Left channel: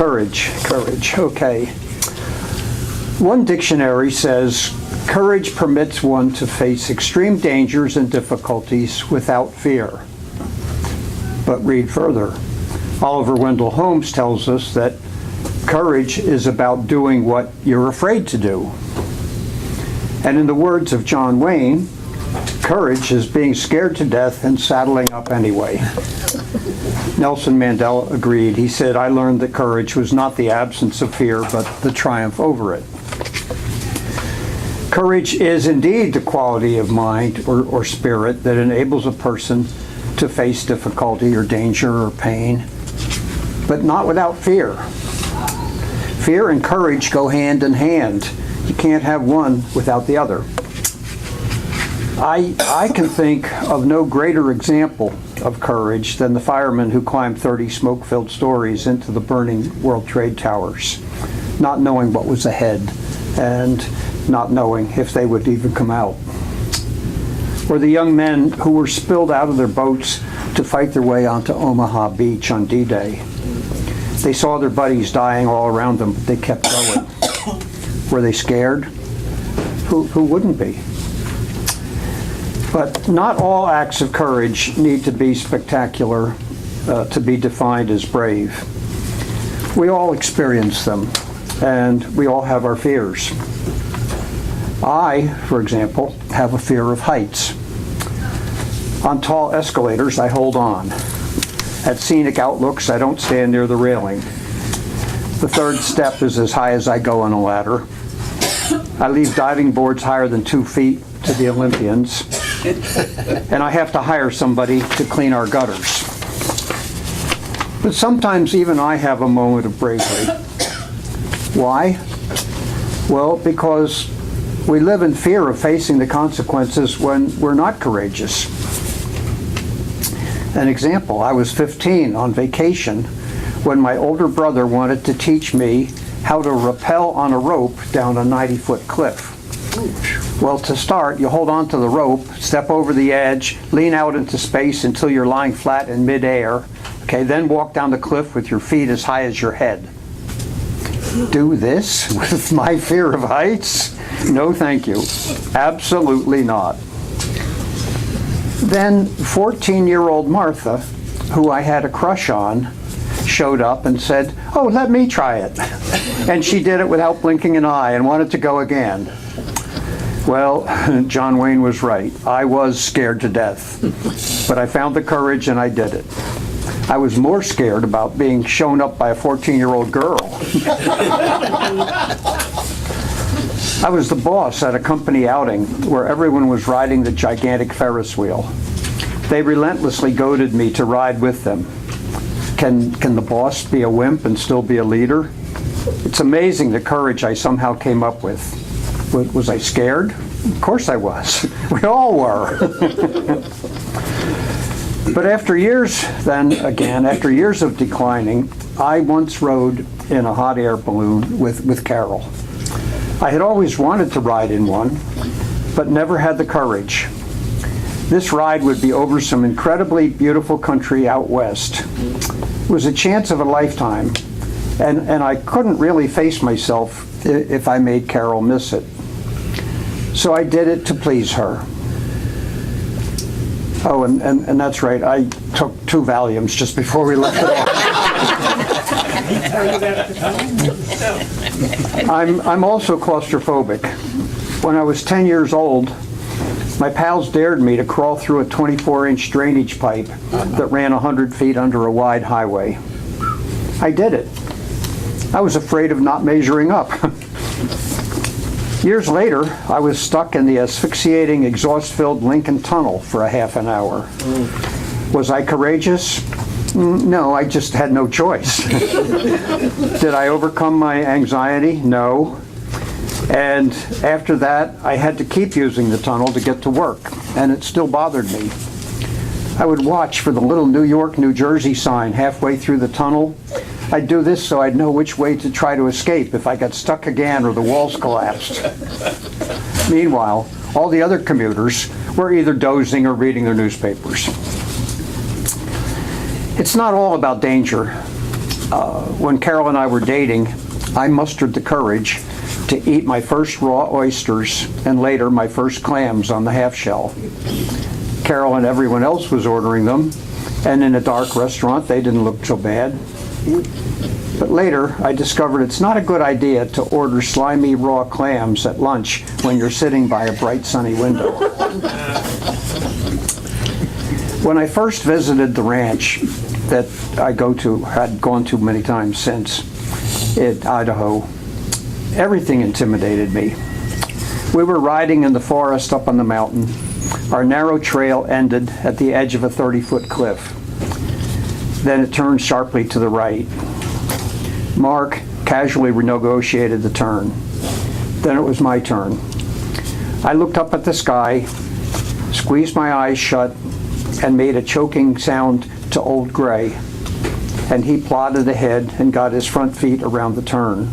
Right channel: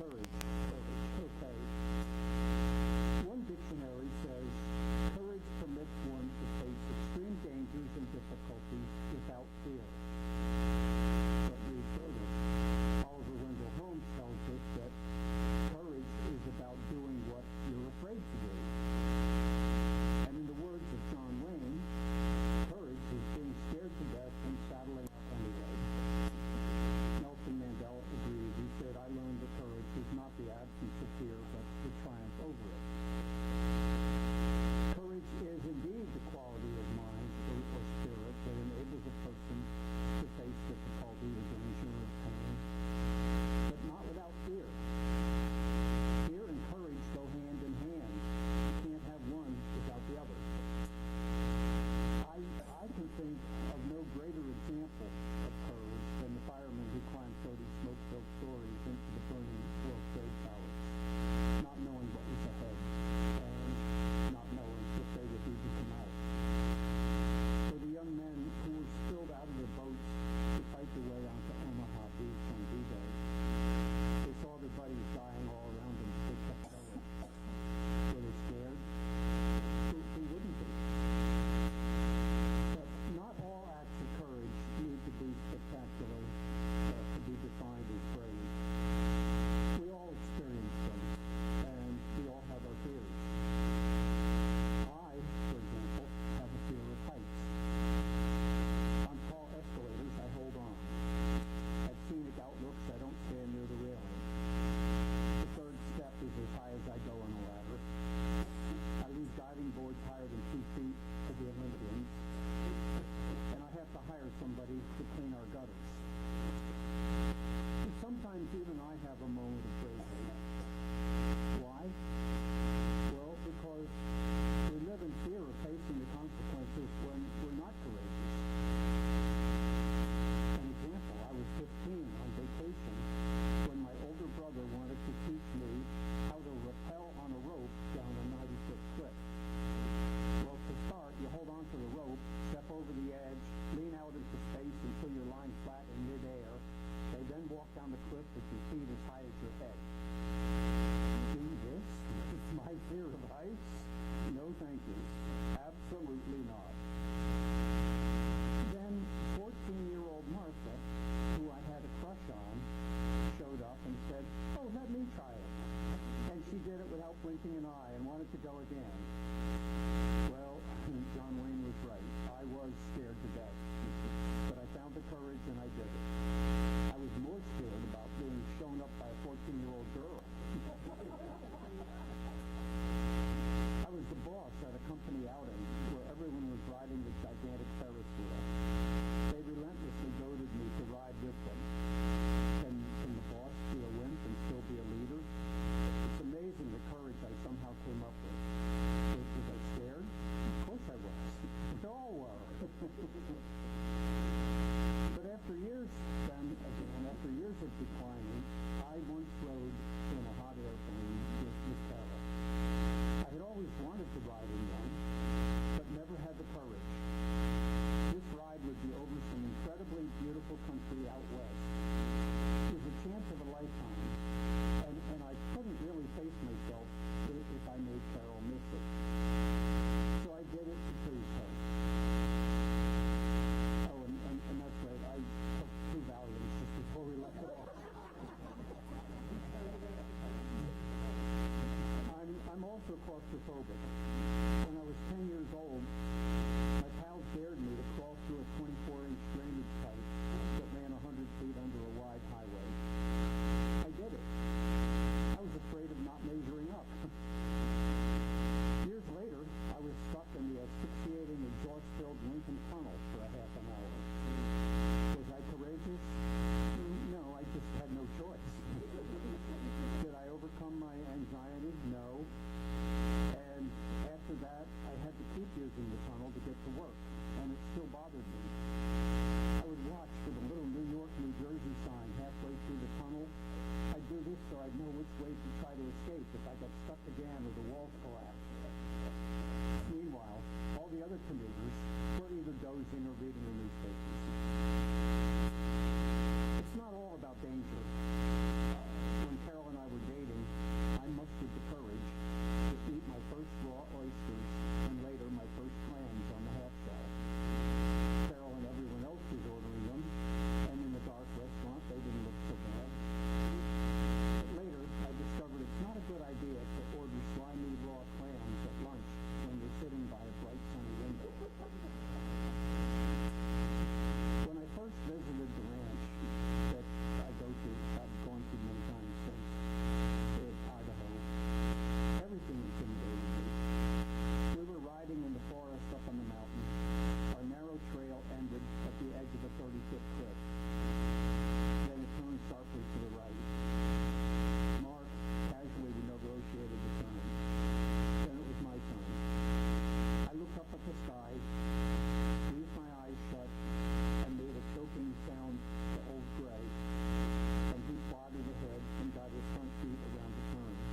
Courage, okay. One dictionary says, courage permits one to face extreme dangers and difficulties without fear. But read further. Oliver Wendell Holmes tells us that courage is about doing what you're afraid to do. And in the words of John Wayne, courage is being scared to death and saddling up anyway. Nelson Mandela agreed. He said, I learned that courage was not the absence of fear, but the triumph over it. Courage is indeed the quality of mind or spirit that enables a person to face difficulty or danger or pain, but not without fear. Fear and courage go hand in hand. You can't have one without the other. I can think of no greater example of courage than the firemen who climbed 30 smoke-filled stories into the burning World Trade Towers, not knowing what was ahead and not knowing if they would even come out. Or the young men who were spilled out of their boats to fight their way onto Omaha Beach on D-Day. They saw their buddies dying all around them, but they kept going. Were they scared? Who wouldn't be? But not all acts of courage need to be spectacular to be defined as brave. We all experience them, and we all have our fears. I, for example, have a fear of heights. On tall escalators, I hold on. At scenic outlooks, I don't stand near the railing. The third step is as high as I go on a ladder. I leave diving boards higher than 2 feet to the Olympians. And I have to hire somebody to clean our gutters. But sometimes even I have a moment of bravery. Why? Well, because we live in fear of facing the consequences when we're not courageous. An example, I was 15 on vacation when my older brother wanted to teach me how to rappel on a rope down a 90-foot cliff. Well, to start, you hold on to the rope, step over the edge, lean out into space until you're lying flat in midair. Okay, then walk down the cliff with your feet as high as your head. Do this with my fear of heights? No, thank you. Absolutely not. Then 14-year-old Martha, who I had a crush on, showed up and said, oh, let me try it. And she did it without blinking an eye and wanted to go again. Well, John Wayne was right. I was scared to death. But I found the courage and I did it. I was more scared about being shown up by a 14-year-old girl. I was the boss at a company outing where everyone was riding the gigantic Ferris wheel. They relentlessly goaded me to ride with them. Can the boss be a wimp and still be a leader? It's amazing the courage I somehow came up with. Was I scared? Of course I was. We all were. But after years of declining, I once rode in a hot air balloon with Carol. I had always wanted to ride in one, but never had the courage. This ride would be over some incredibly beautiful country out west. It was a chance of a lifetime, and I couldn't really face myself if I made Carol miss it. So I did it to please her. Oh, and that's right, I took 2 Valiums just before we left it off. I'm also claustrophobic. When I was 10 years old, my pals dared me to crawl through a 24-inch drainage pipe that ran 100 feet under a wide highway. I did it. I was afraid of not measuring up. Years later, I was stuck in the asphyxiating, exhaust-filled Lincoln Tunnel for a half an hour. Was I courageous? No, I just had no choice. Did I overcome my anxiety? No. And after that, I had to keep using the tunnel to get to work, and it still bothered me. I would watch for the little New York, New Jersey sign halfway through the tunnel. I'd do this so I'd know which way to try to escape if I got stuck again or the walls collapsed. Meanwhile, all the other commuters were either dozing or reading their newspapers. It's not all about danger. When Carol and I were dating, I mustered the courage to eat my first raw oysters and later my first clams on the half shell. Carol and everyone else was ordering them, and in a dark restaurant they didn't look so bad. But later I discovered it's not a good idea to order slimy raw clams at lunch when you're sitting by a bright sunny window. When I first visited the ranch that I had gone to many times since, in Idaho, everything intimidated me. We were riding in the forest up on the mountain. Our narrow trail ended at the edge of a 30-foot cliff. Then it turned sharply to the right. Mark casually renegotiated the turn. Then it was my turn. I looked up at the sky, squeezed my eyes shut, and made a choking sound to Old Gray, and he plodded ahead and got his front feet around the turn.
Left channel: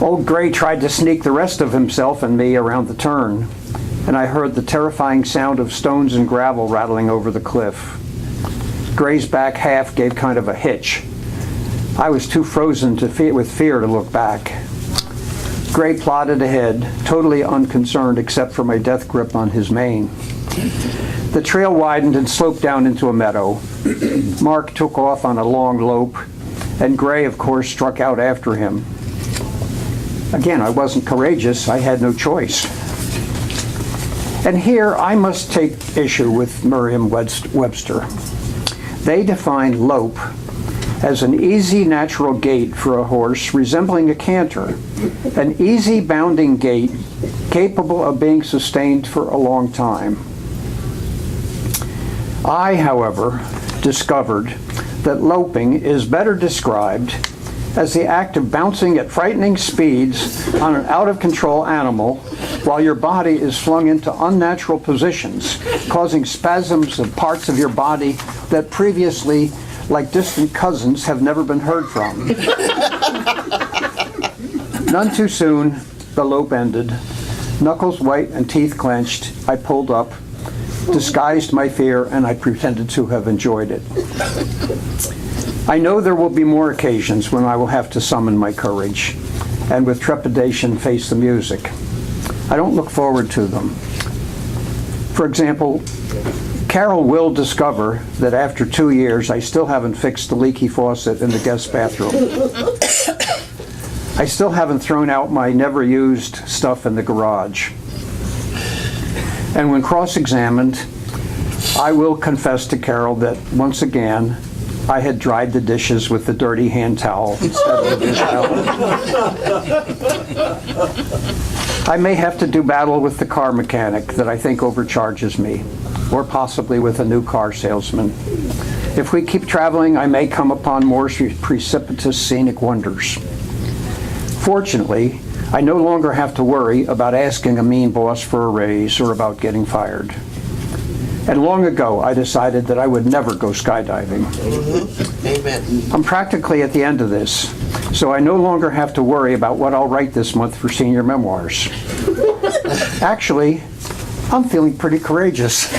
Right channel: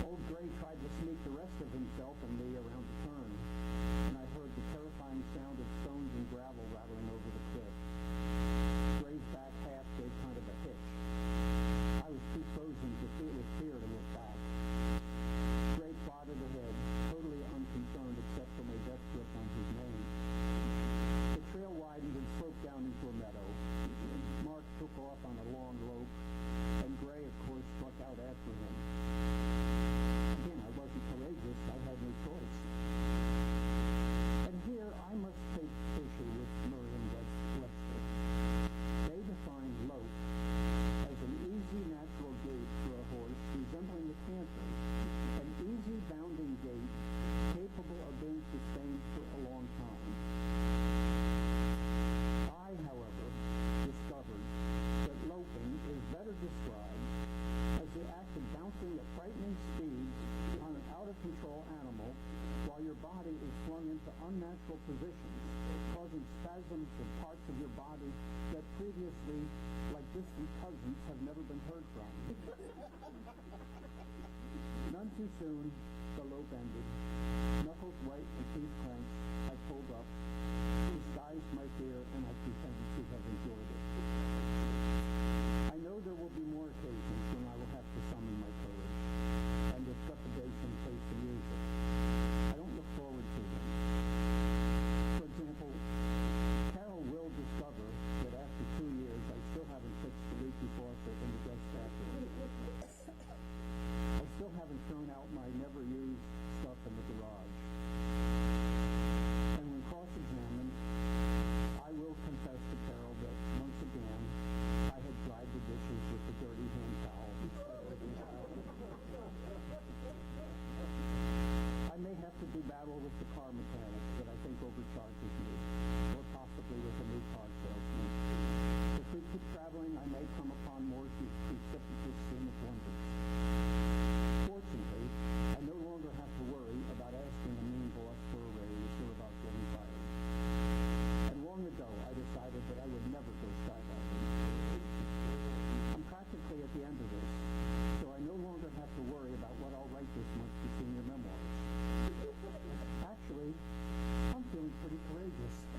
Old Gray tried to sneak the rest of himself and me around the turn, and I heard the terrifying sound of stones and gravel rattling over the cliff. Gray's back half gave kind of a hitch. I was too frozen with fear to look back. Gray plodded ahead, totally unconcerned except for my death grip on his mane. The trail widened and sloped down into a meadow. Mark took off on a long lope, and Gray, of course, struck out after him. Again, I wasn't courageous. I had no choice. And here I must take issue with Merriam-Webster. They define lope as an easy natural gait for a horse resembling a canter, an easy bounding gait capable of being sustained for a long time. I, however, discovered that loping is better described as the act of bouncing at frightening speeds on an out-of-control animal while your body is flung into unnatural positions, causing spasms of parts of your body that previously, like distant cousins, have never been heard from. None too soon, the lope ended. Knuckles white and teeth clenched, I pulled up, disguised my fear, and I pretended to have enjoyed it. I know there will be more occasions when I will have to summon my courage and with trepidation face the music. I don't look forward to them. For example, Carol will discover that after 2 years I still haven't fixed the leaky faucet in the guest bathroom. I still haven't thrown out my never used stuff in the garage. And when cross-examined, I will confess to Carol that once again I had dried the dishes with the dirty hand towel instead of the dish towel. I may have to do battle with the car mechanic that I think overcharges me, or possibly with a new car salesman. If we keep traveling, I may come upon more precipitous scenic wonders. Fortunately, I no longer have to worry about asking a mean boss for a raise or about getting fired. And long ago, I decided that I would never go skydiving. Amen. I'm practically at the end of this, so I no longer have to worry about what I'll write this month for senior memoirs. Actually, I'm feeling pretty courageous.